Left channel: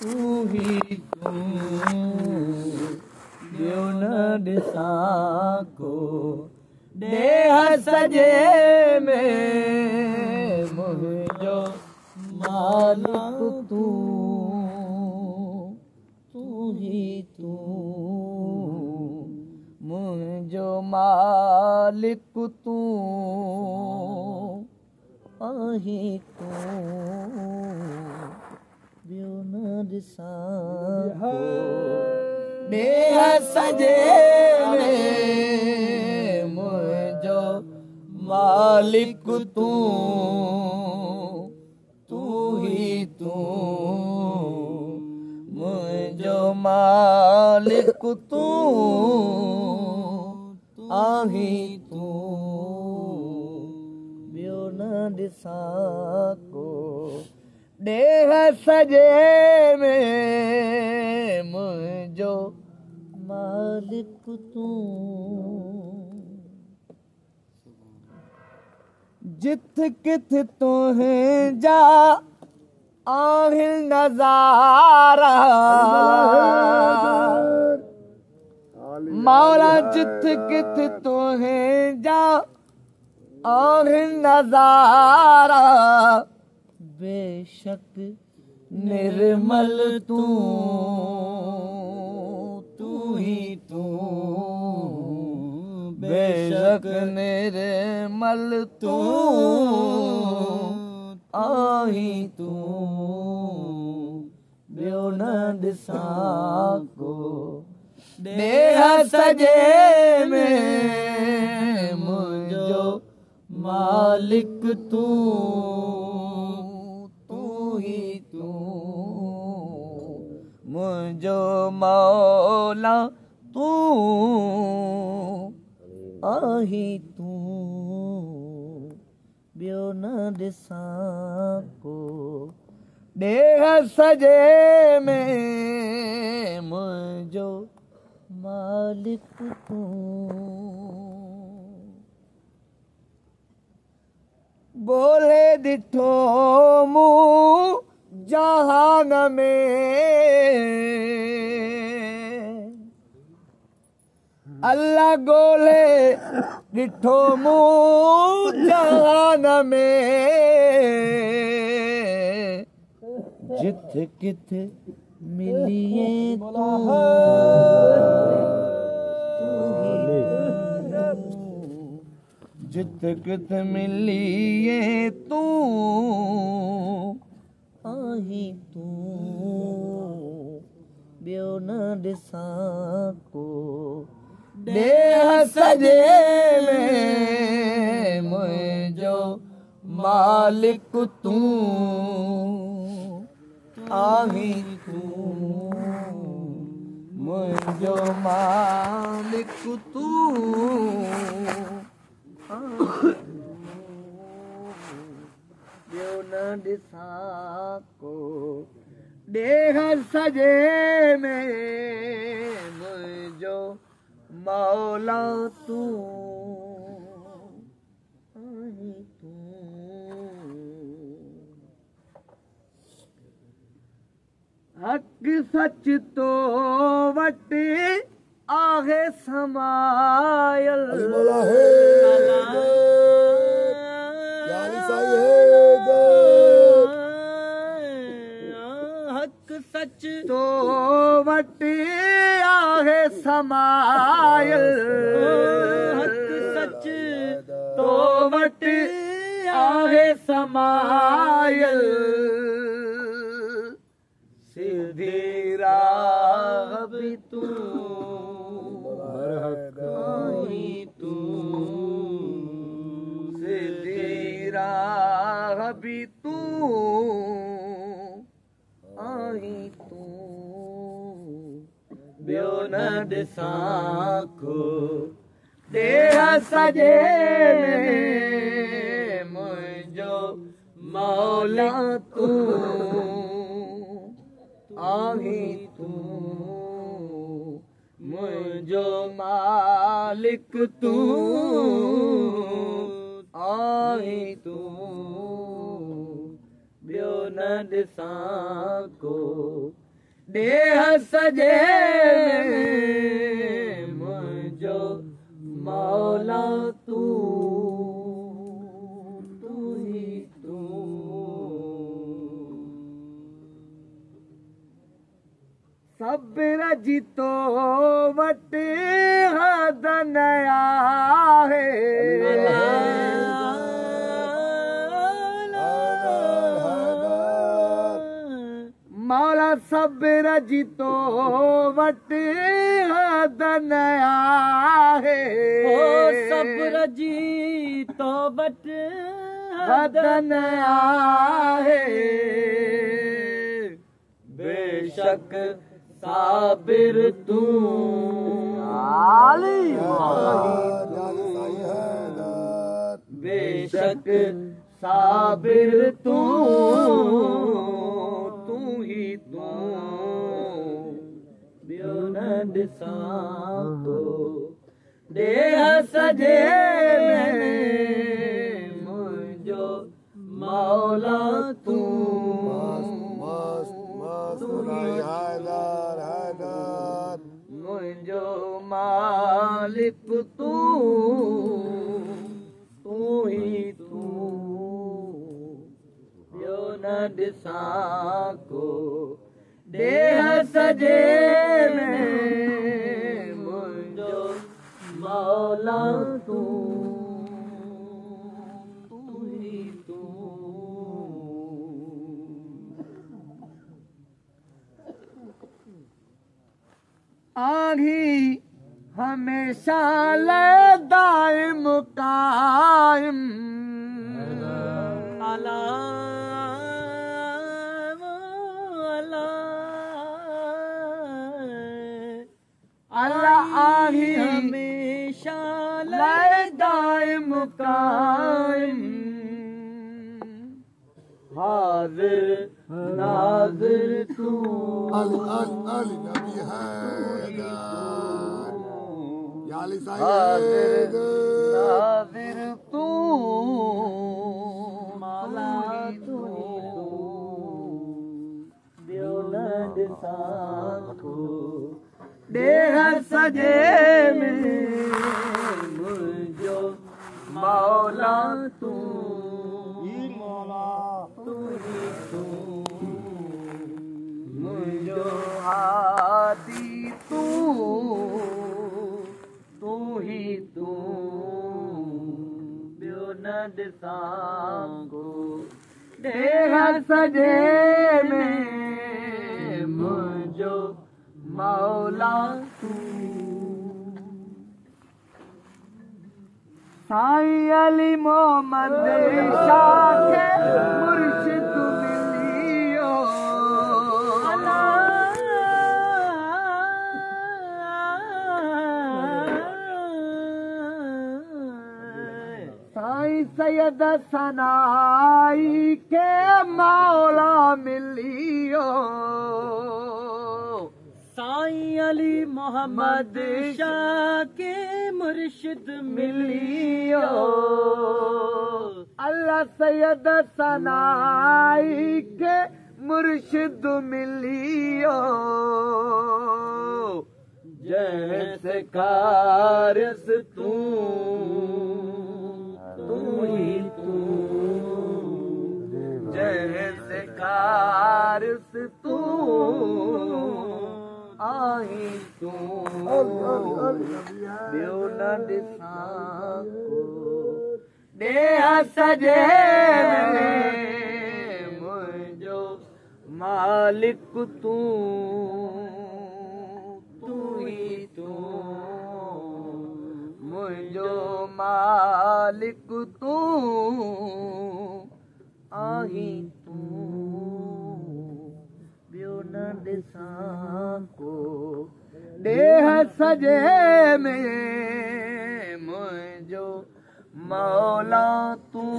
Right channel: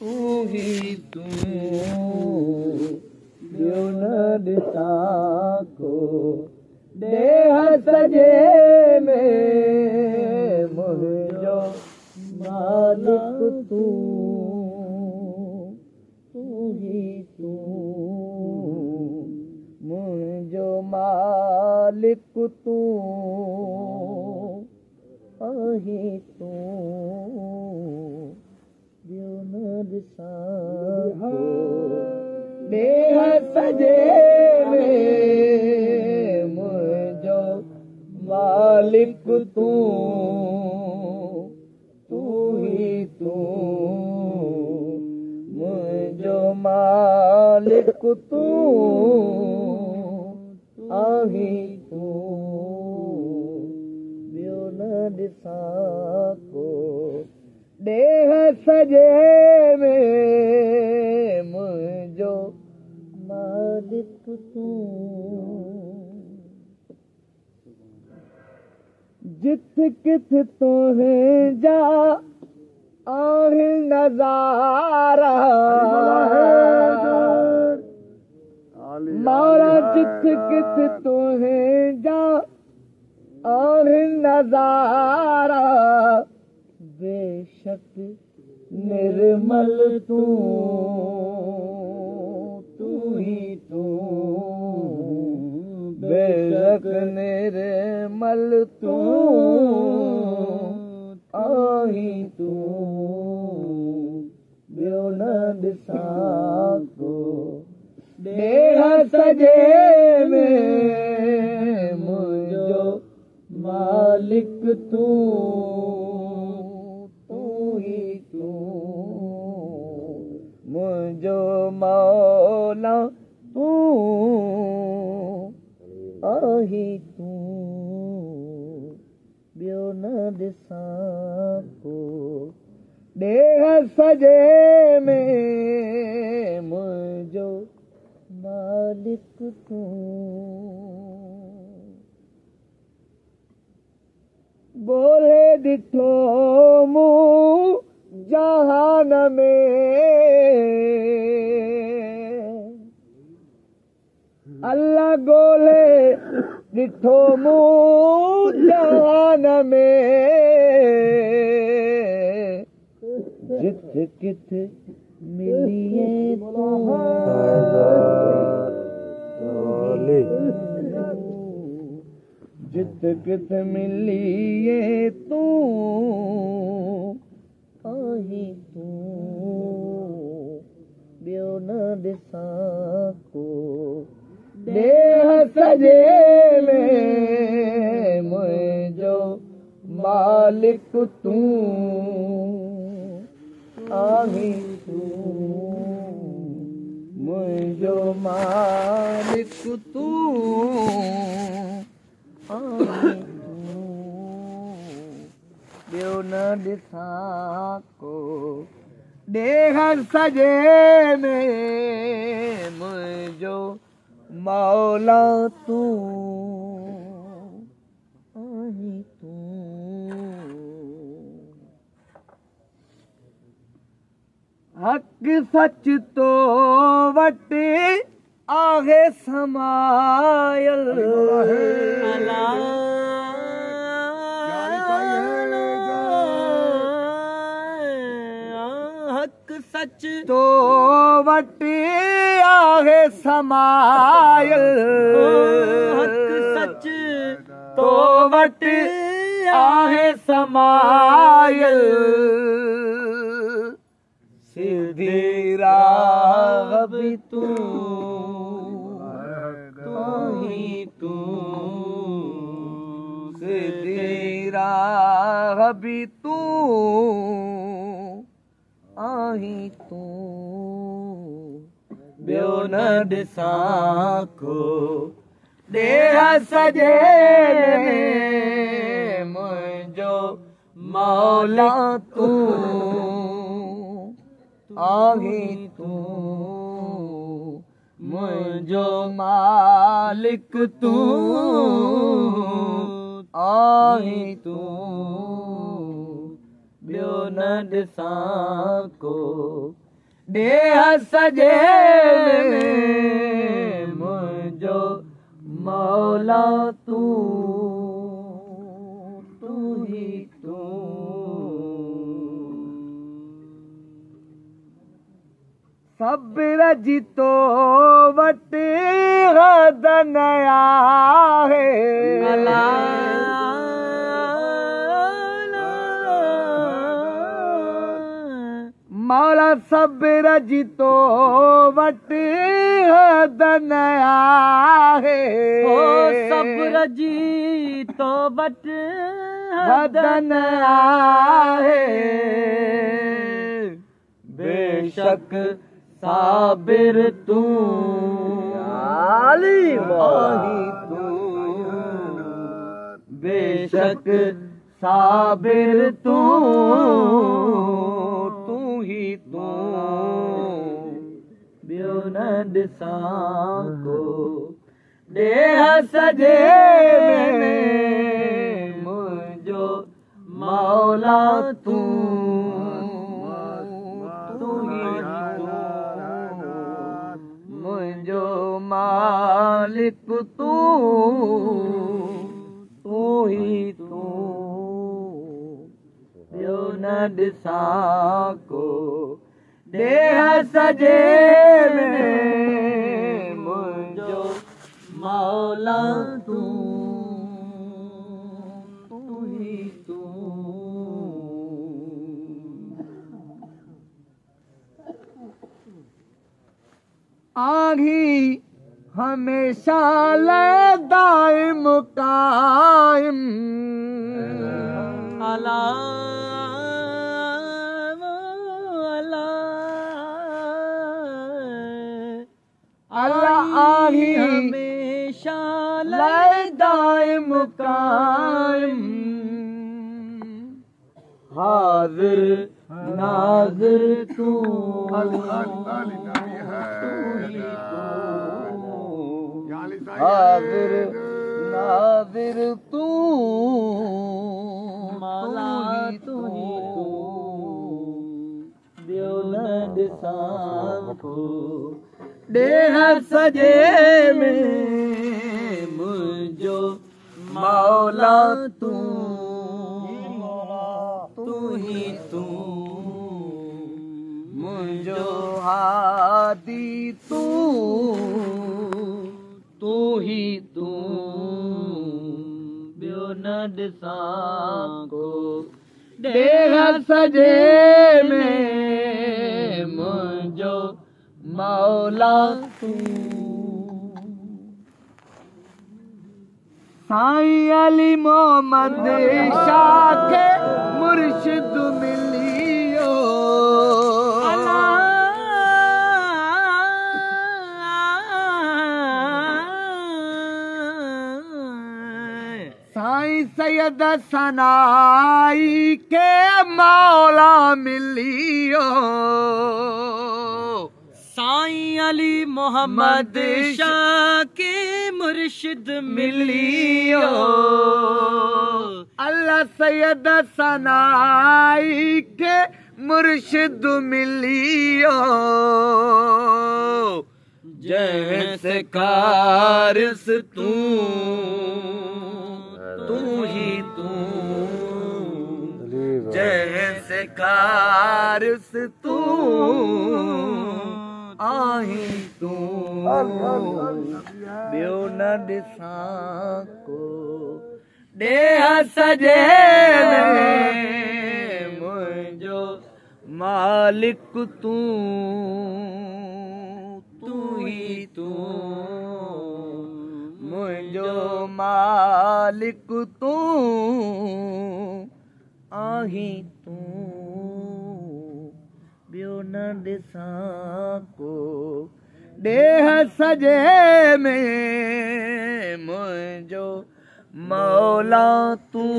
तू ही तू ॿियो न ॾिसां को देह सजे में मुंहिंजो मालिक तू तू ही तू मुंहिंजो मालिक तू आहीं तू ॿियो न ॾिसां को देह सजे में मुंहिंजो मालिक तू तू ही तू मुंहिंजो मालिक तू आहीं तू ॿियो न ॾिसां को देह सजे में मुंहिंजो मालिक तू जिथ किथ तुंहिंजा आहिनि नज़ारा मौला जिथ किथ तुंहिंजा आहिनि नज़ारा बेशक निर्मल तू तू ही तू बेशक निर्मल तू आहीं तू ॿियो न ॾिसां को देह सजे में मुंहिंजो मालिक तू तू ही तू मुंहिंजो मौला तू आहीं तू ॿियो न ॾिसां को देह सजे में मुंहिंजो मालिक तू बोले ॾिठो मूं जहान में अल्लाह ॻोल्हे ॾिठो मूं जहान में जिथ किथ मिलिए तू जिथ किथ मिलिए तू आहीं तू ॿियो न ॾिसां को देह सजे में मुंहिंजो मालिक तू आहीं तू मुंहिंजो मालिक तू ॿियो न ॾिसां को देह सजे में मुंहिंजो मौला तू आहीं तू हक़ सच तो वटि आहे समायल हक़ सच तो वटि आहे समायल हक़ सच तो वटि आहे समायल सिधी राह बि तू आहीं तू सिधी राह बि तू आहीं तू ॿियो न ॾिसां को देह सजे मुंहिंजो मौला तू आहीं तू मुंहिंजो मालिक तू आहीं तू ॿियो न ॾिसां को ॾेह सॼे मुंहिंजो मौला तूं ही तूं सब्र जी तो वटि हद न आहे मौला सब्र जी तो वटि हद न आहे सब्र जी तो वटि हद न आहे बेशक साबिर तूं बेशक साबिर तूं ही तूं ॿियो न ॾिसां तो ॾेह सॼे मुंहिंजो मौला तूं मुंहिंजो मालिक तूं ही तूं ॿियो न ॾिसां को ॾेह सॼे मुंहिंजो मौला तूं ही तूं आही हमेशा दाइम कायम अल्लाह आही हमेशा दाइम कायम हाजिर नाज़िर तूं हाजिर नाज़िर तूं ॿियो न ॾिसां को ॾेह सॼे में मुंहिंजो मौला तूं ही तूं मुंहिंजो हादी तूं ही तूं ॿियो न ॾिसां को ॾेह सॼे में मुंहिंजो मौला तूं साईं अली मोहम्मद शाह खे मुर्शिद मिलियो साईं सैयद सनाई के मौला मिलियो साईं अली मोहम्मद शाह के मुर्शिद मिलियो अल्लाह सैयद सनाई के मुर्शिद मिलियो जैसे कारस तूं ही तूं जैसे कारस तूं आही तूं ॿियो न ॾिसां को ॾेह सॼे मुंहिंजो मालिक तूं ही तूं मुंहिंजो मालिक तूं आही तूं ॿियो न ॾिसां को ॾेह सॼे में मुंहिंजो मौला तूं